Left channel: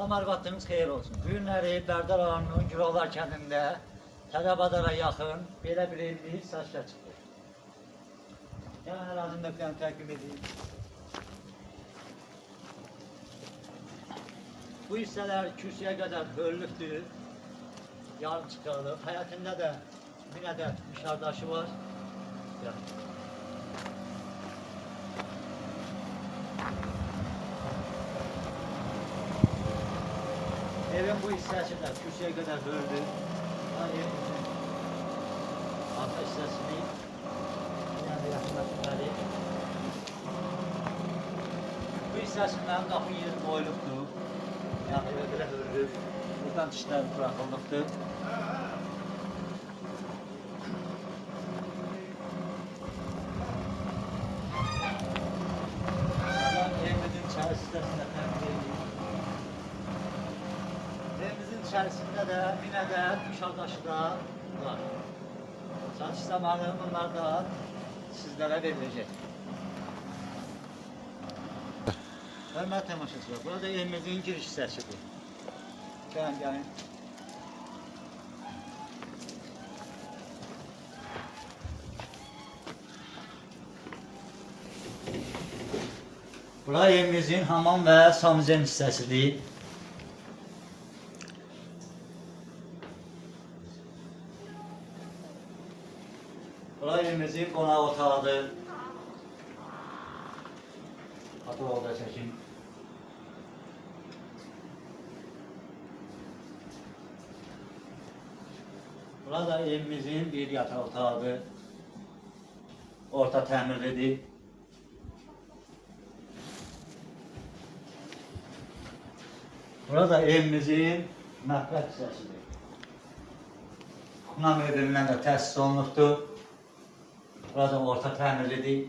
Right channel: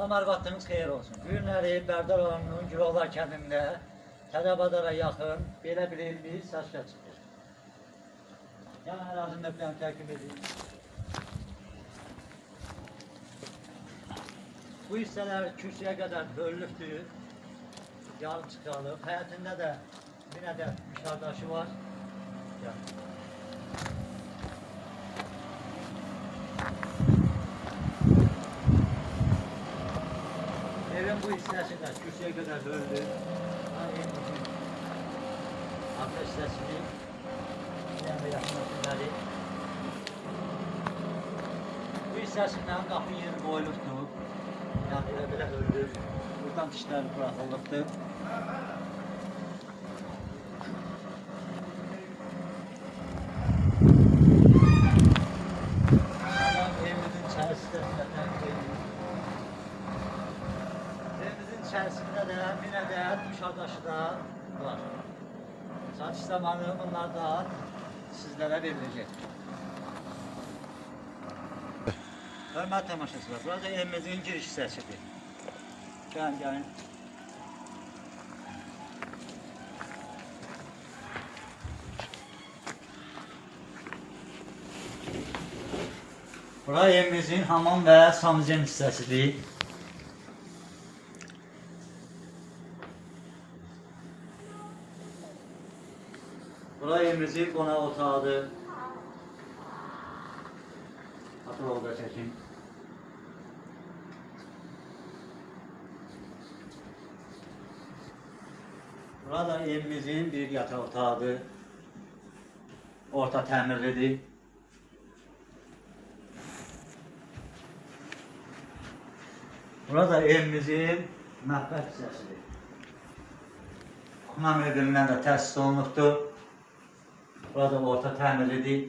Salam arvadınız xeyir olsun. Bu günləri Bərdər rayonunun Güroğlar kəndində Tədəbadara yaxın belə bir evli satışa çıxdı. Yəni ərazinin nöqtəni təqdim edeyim. Bu hissələr kürsüyə qədər bölünübdür. Yarım çıxarılıb. Həyətində də bir ədəd müşardaşı var. Yəni. Evin bu hissəsində kürsüyə qədər böldü. Evimizin arka hissəsini bir yana yaxınlaşımları. Bu hissəsindən qapı yeri qoyulubdur. Yəni elə belə böldü. Buradan dişlər buraxılıbdır. Evimizin içərisində təqdim edildi. Evimizin içərisində də bir ədəd müşardaşı da var. Satış zamanı bunlar da sizlərə veriləcək. Hörmətli tamaşaçılar, burada evimizin giriş hissəsidir. Gəlin. Bura evimizin hamam və sanuzen hissəsidir. Bura evimizin qonaq otağıdır. Hatırlağı da çəkim. Bura da evimizin bir yataq otağıdır. Orta təmirlidir. Bura da evimizin mətbəx hissəsidir. Xuna möbilindən də təsis olunubdur. Burada orta təmirlidir.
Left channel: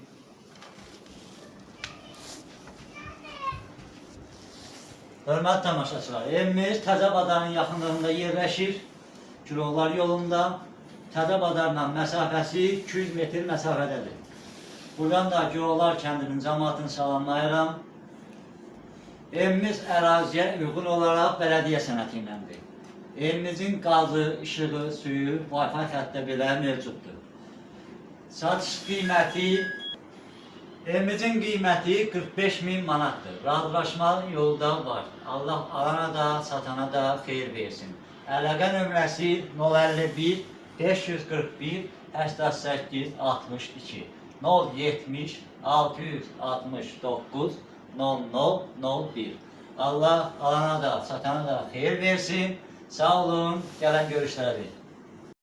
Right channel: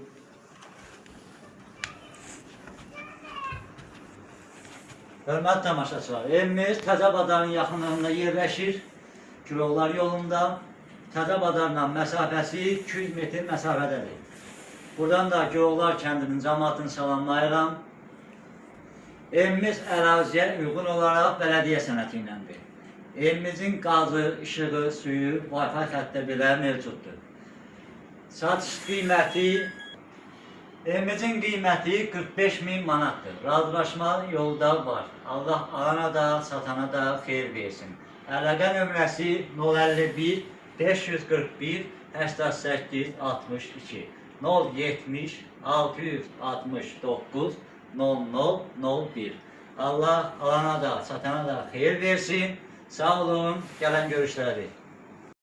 Hörmətli tamaşaçılar, evimiz Təzəbadarın yaxınlığında yerləşir. Güroğlar yolunda Təzəbadarla məsafəsi 200 metr məsafədədir. Buradan da Güroğlar kəndinin cəmaatını salamlayıram. Evimiz əraziyə uyğun olaraq bələdiyyə sənəti iləndir. Evimizin qazı, işığı, suyu, Wi-Fi xəttə belə mövcuddur. Satış qiyməti, evimizin qiyməti 45.000 manatdır. Razılaşma yolda var. Allah alana da, satana da xeyir versin. Əlaqə nömrəsi 051 541 88 62 070 669 0001. Allah alana da, satana da xeyir versin. Sağ olun, gələn görüşlərə.